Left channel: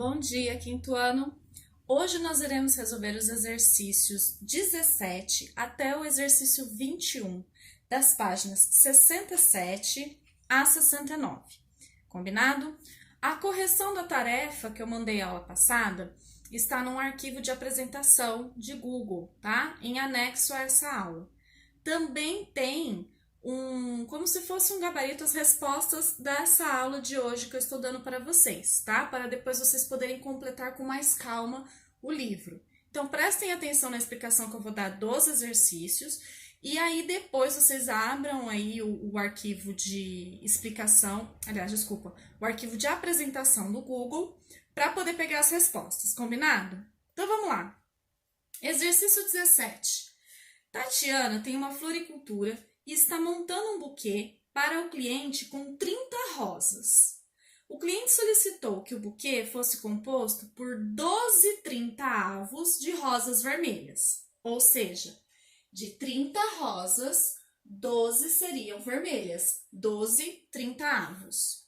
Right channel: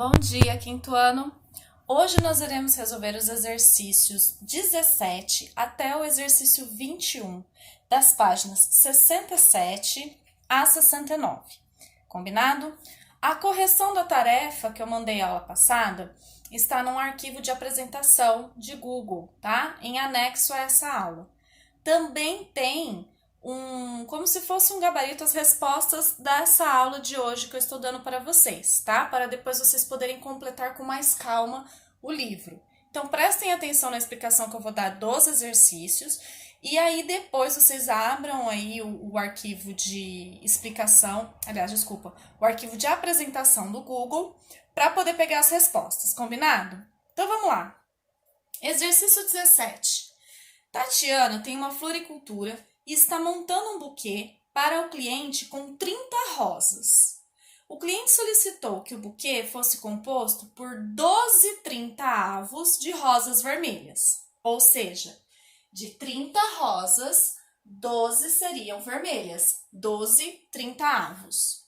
Bom dia, quinto ano! Hoje nós iremos resolver os exercícios 17 até o exercício 21, das páginas 67 a 69. Combinado? A correção da tarefa que eu mandei aula passada está num arquivo de apresentação de Google, tá? Em anexo a essa aula. Também tem como se fosse um gabarito as respostas dessa aula de hoje que eu estou dando para vocês, tá? Para depois vocês poderem completar com mais calma o livro. Então, prestem atenção na explicação que eu vou dar dos exercícios e aí depois vocês abram aí o arquivo de explicação, o arquivo de apresentação do Google para poder pegar as respostas, combinado? Então, vamos lá. Exercício 17. Tatiana tem uma floricultura e está montando um buquê para o cliente com 30 rosas. O cliente solicitou que o buquê fosse composto por 12 30avos de rosas vermelhas, ou seja, de 30 rosas, 12 seriam vermelhas, 12 30avos.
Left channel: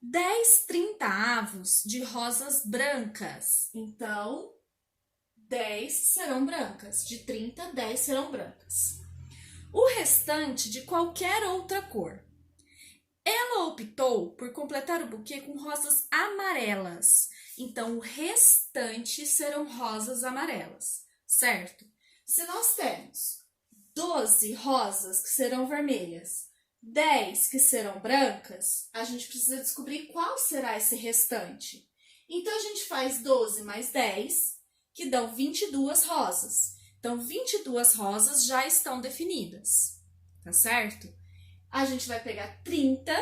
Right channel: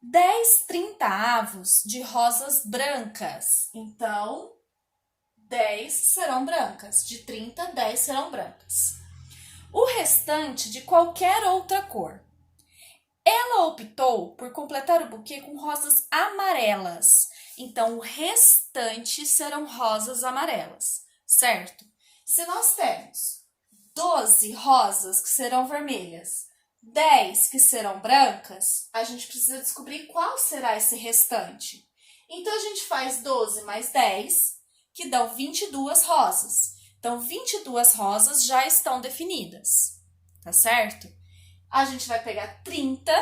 10 30avos de rosas brancas, então 10 serão brancas, de 30, 10 serão brancas. O restante de qualquer outra cor. Ela optou por completar o buquê com rosas amarelas. Então, o restante serão rosas amarelas, certo? Se nós temos 12 rosas que serão vermelhas, 10 que serão brancas, a gente precisa descobrir qual será esse restante. Então, a gente faz 12 mais 10, que dão 22 rosas. Então, 22 rosas já estão definidas, tá certo? A gente vai pegar 30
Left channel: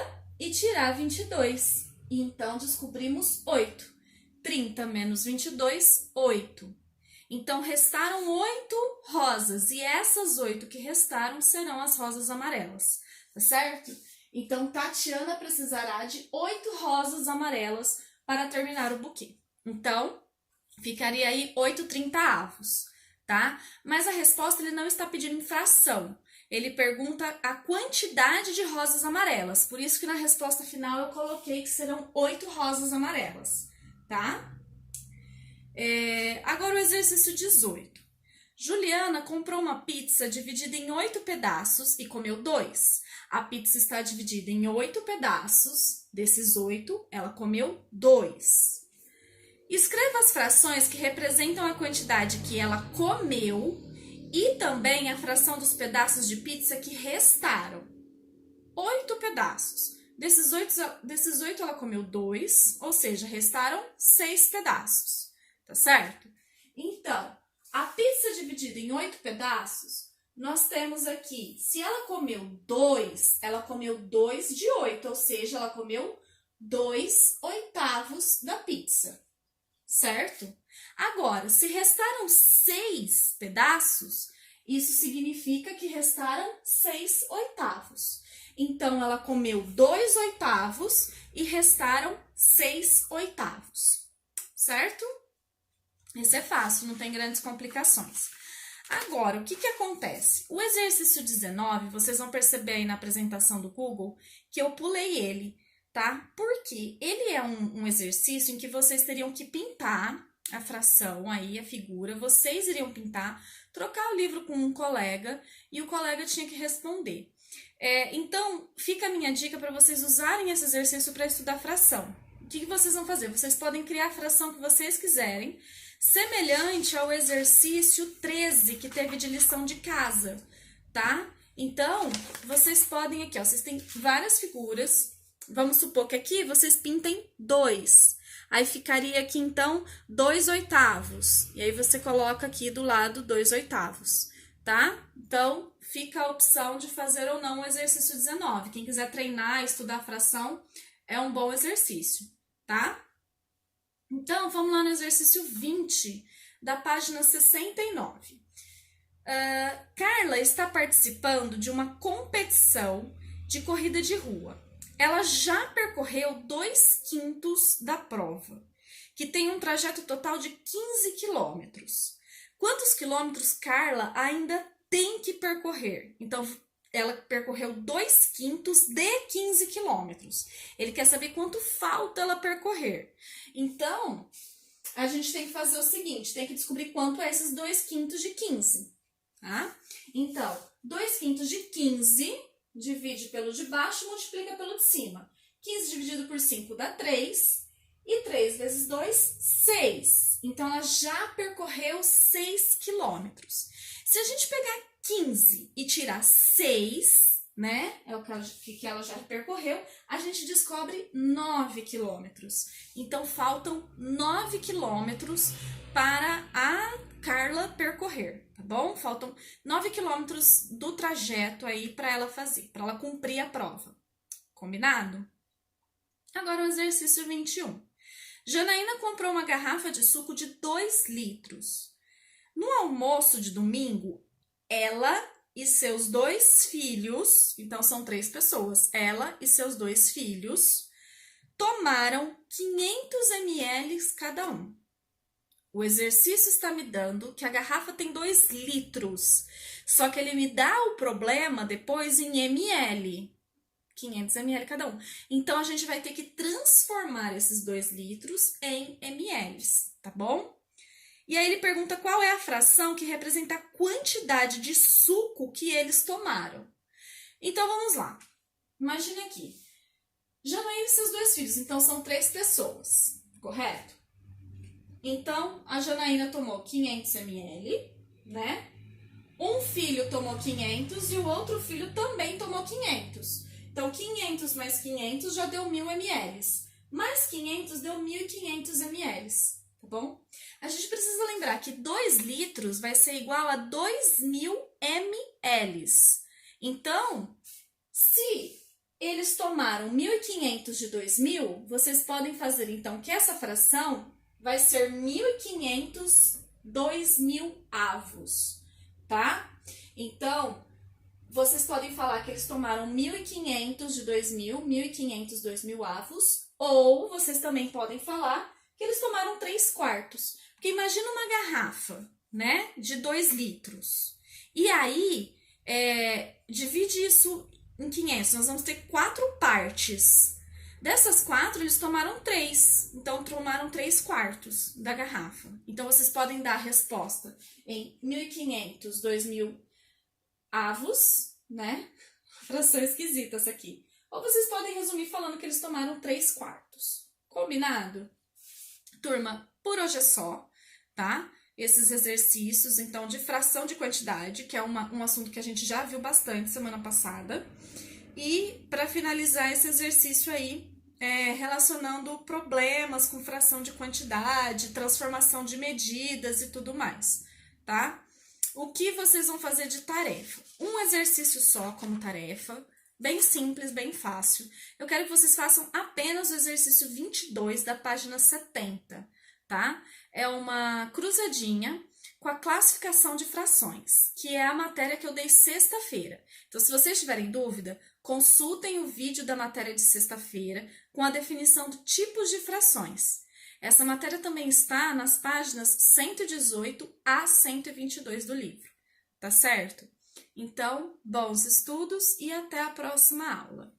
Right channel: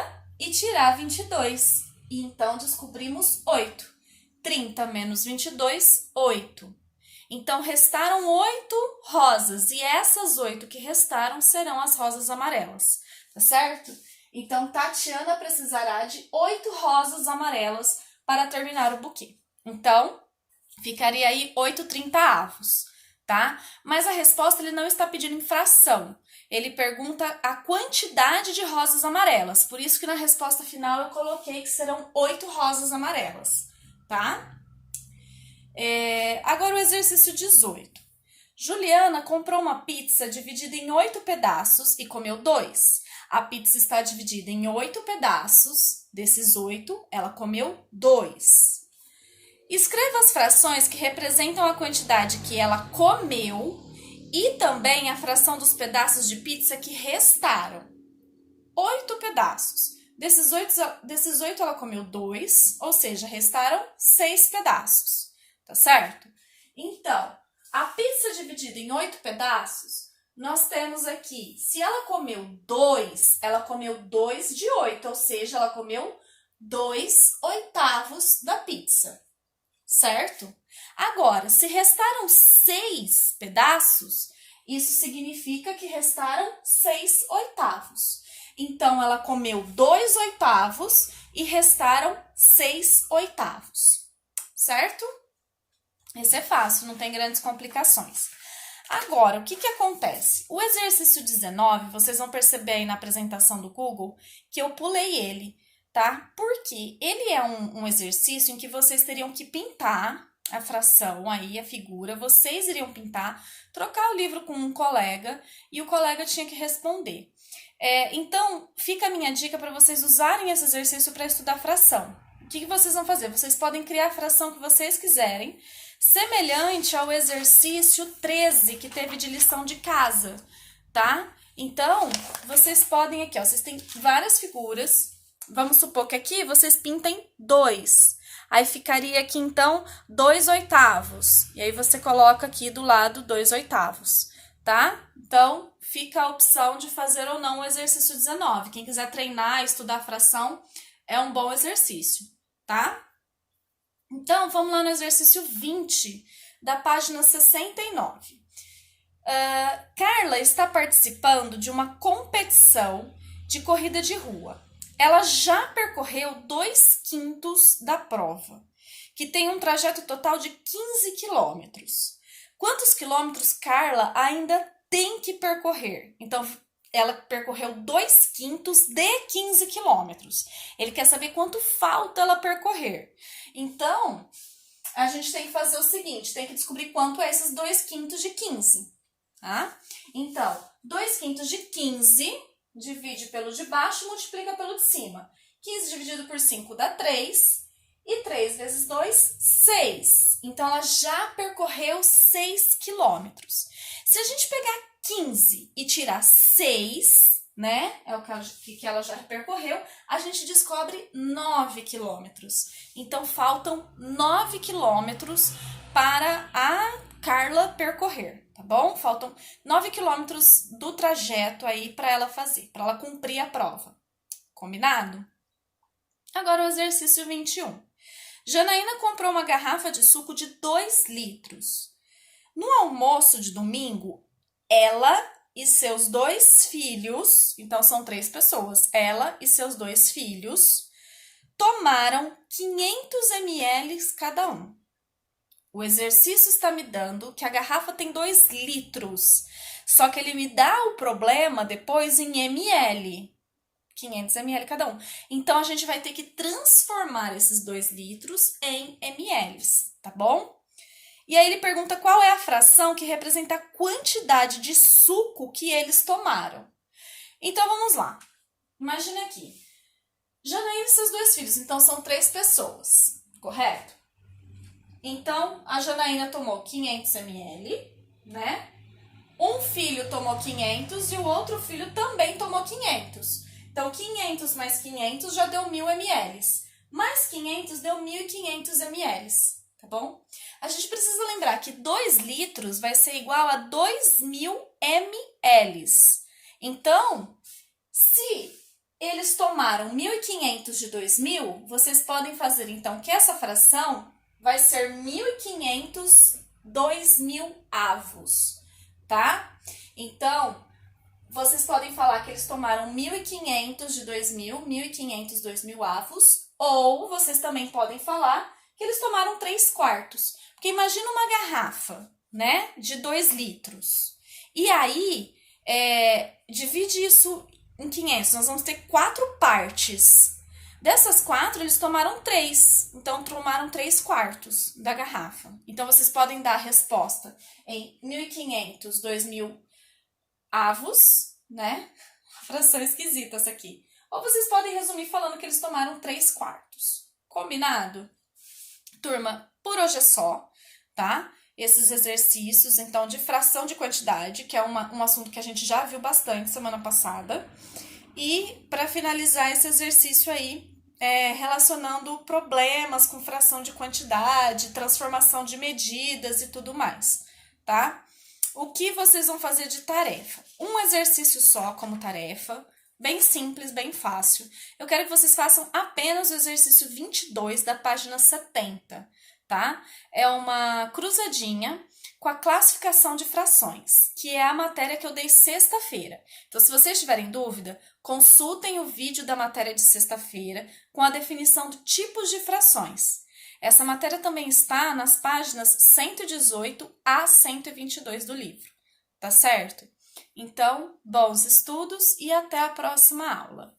e tirar 22. E então, descobrimos 8. 30 menos 22, 8. Então, restaram 8 rosas. E essas 8 que restaram serão as rosas amarelas, tá certo? Então, Tatiana precisará de 8 rosas amarelas para terminar o buquê. Então, ficaria aí 8 30avos. Tá? Mas a resposta ele não está pedindo em fração. Ele pergunta a quantidade de rosas amarelas. Por isso que na resposta final eu coloquei que serão 8 rosas amarelas, tá? Agora o exercício 18. Juliana comprou uma pizza dividida em 8 pedaços e comeu 2. A pizza está dividida em 8 pedaços. Desses 8, ela comeu 2. Escreva as frações que representam a quantidade que ela comeu e também a fração dos pedaços de pizza que restaram. 8 pedaços. Desses 8 ela comeu 2, ou seja, restaram 6 pedaços, tá certo? Então, a pizza dividida em 8 pedaços, nós temos aqui, se ela comeu 2, ela comeu 2 de 8, ou seja, ela comeu 2 oitavos da pizza. Certo? Agora, se restaram 6 pedaços, isso significa que restaram 6 oitavos. Então, ela comeu 2 oitavos e restaram 6 oitavos. Certo? Esse é fácil, não tem grandes complicações. Agora, o que acontece? O exercício 19, vocês vão perceber aí na apresentação do Google que eu pulei ele, tá? Porque ele é um exercício em que vocês teriam que pintar a fração aí, a figura, vocês iriam pintar, trocar o livro com um colega e o colega tinha que responder. Então, fica a minha dica para vocês usarem esse exercício para estudar fração. O que vocês vão fazer? Vocês podem criar a fração que vocês quiserem, semelhante ao exercício 13 que teve de lição de casa, tá? Então, vocês podem aqui, ó, vocês têm várias figuras. Vamos supor que aqui vocês pintem 2. Aí ficaria aqui, então, 2 oitavos. E aí, você coloca aqui do lado 2 oitavos, tá? Então, fica a opção de fazer ou não o exercício 19. Quem quiser treinar, estudar fração, é um bom exercício, tá? Então, vamos lá no exercício 20, da página 69. Carla está participando de uma competição de corrida de rua. Ela já percorreu 2/5 da prova, que tem um trajeto total de 15 quilômetros. Quantos quilômetros Carla ainda tem que percorrer? Então, ela percorreu 2/5 de 15 quilômetros. Ele quer saber quanto falta ela percorrer. Então, a gente tem que fazer o seguinte, tem que descobrir quanto é esses 2/5 de 15, tá? Então, 2/5 de 15, divide pelo de baixo, multiplica pelo de cima. 15 dividido por 5 dá 3, e 3 vezes 2, 6. Então, ela já percorreu 6 quilômetros. Se a gente pegar 15 e tirar 6, né, é o que ela já percorreu, a gente descobre 9 quilômetros. Então, faltam 9 quilômetros para a Carla percorrer, tá bom? Faltam 9 quilômetros do trajeto aí para ela fazer, para ela cumprir a prova. Combinado? Agora o exercício 21. Janaína comprou uma garrafa de suco de 2 litros. No almoço de domingo, ela e seus 2 filhos, então são 3 pessoas, ela e seus 2 filhos, tomaram 500 ml cada um. O exercício está me dando que a garrafa tem 2 litros, só que ele me dá o problema depois em ml. 500 ml cada um. Então, a gente vai ter que transformar esses 2 litros em ml, tá bom? E aí ele pergunta qual é a fração que representa a quantidade de suco que eles tomaram. Então, vamos lá. Imagina aqui. Janaína e seus 2 filhos, então são 3 pessoas, correto? Então, a Janaína tomou 500 ml, né? Um filho tomou 500 e o outro filho também tomou 500. Então, 500 mais 500 já deu 1.000 ml. Mais 500 deu 1.500 ml, tá bom? A gente precisa lembrar que 2 litros vai ser igual a 2.000 ml. Então, se eles tomaram 1.500 de 2.000, vocês podem fazer, então, que essa fração vai ser 1.500 2.000 avos, tá? Então, vocês podem falar que eles tomaram 1.500 de 2.000, 1.500 2.000 avos, ou vocês também podem falar que eles tomaram 3/4. Porque imagina uma garrafa, né, de 2 litros. E aí, divide isso em 500, nós vamos ter 4 partes. Dessas 4, eles tomaram 3, então tomaram 3/4 da garrafa. Então, vocês podem dar a resposta em 1.500, 2.000 avos, né? Fração esquisita essa aqui. Ou vocês podem resumir falando que eles tomaram 3/4. Combinado? Turma, por hoje é só, tá? Esses exercícios, então, de fração de quantidade, que é um assunto que a gente já viu bastante semana passada. E, para finalizar esse exercício aí, relacionando problemas com fração de quantidade, transformação de medidas e tudo mais, tá? O que vocês vão fazer de tarefa? Um exercício só como tarefa, bem simples, bem fácil. Eu quero que vocês façam apenas o exercício 22 da página 70, tá? É uma cruzadinha com a classificação de frações, que é a matéria que eu dei sexta-feira. Então, se vocês tiverem dúvida, consultem o vídeo da matéria de sexta-feira com a definição de tipos de frações. Essa matéria também está nas páginas 118 a 122 do livro, tá certo? Então, bons estudos e até a próxima aula!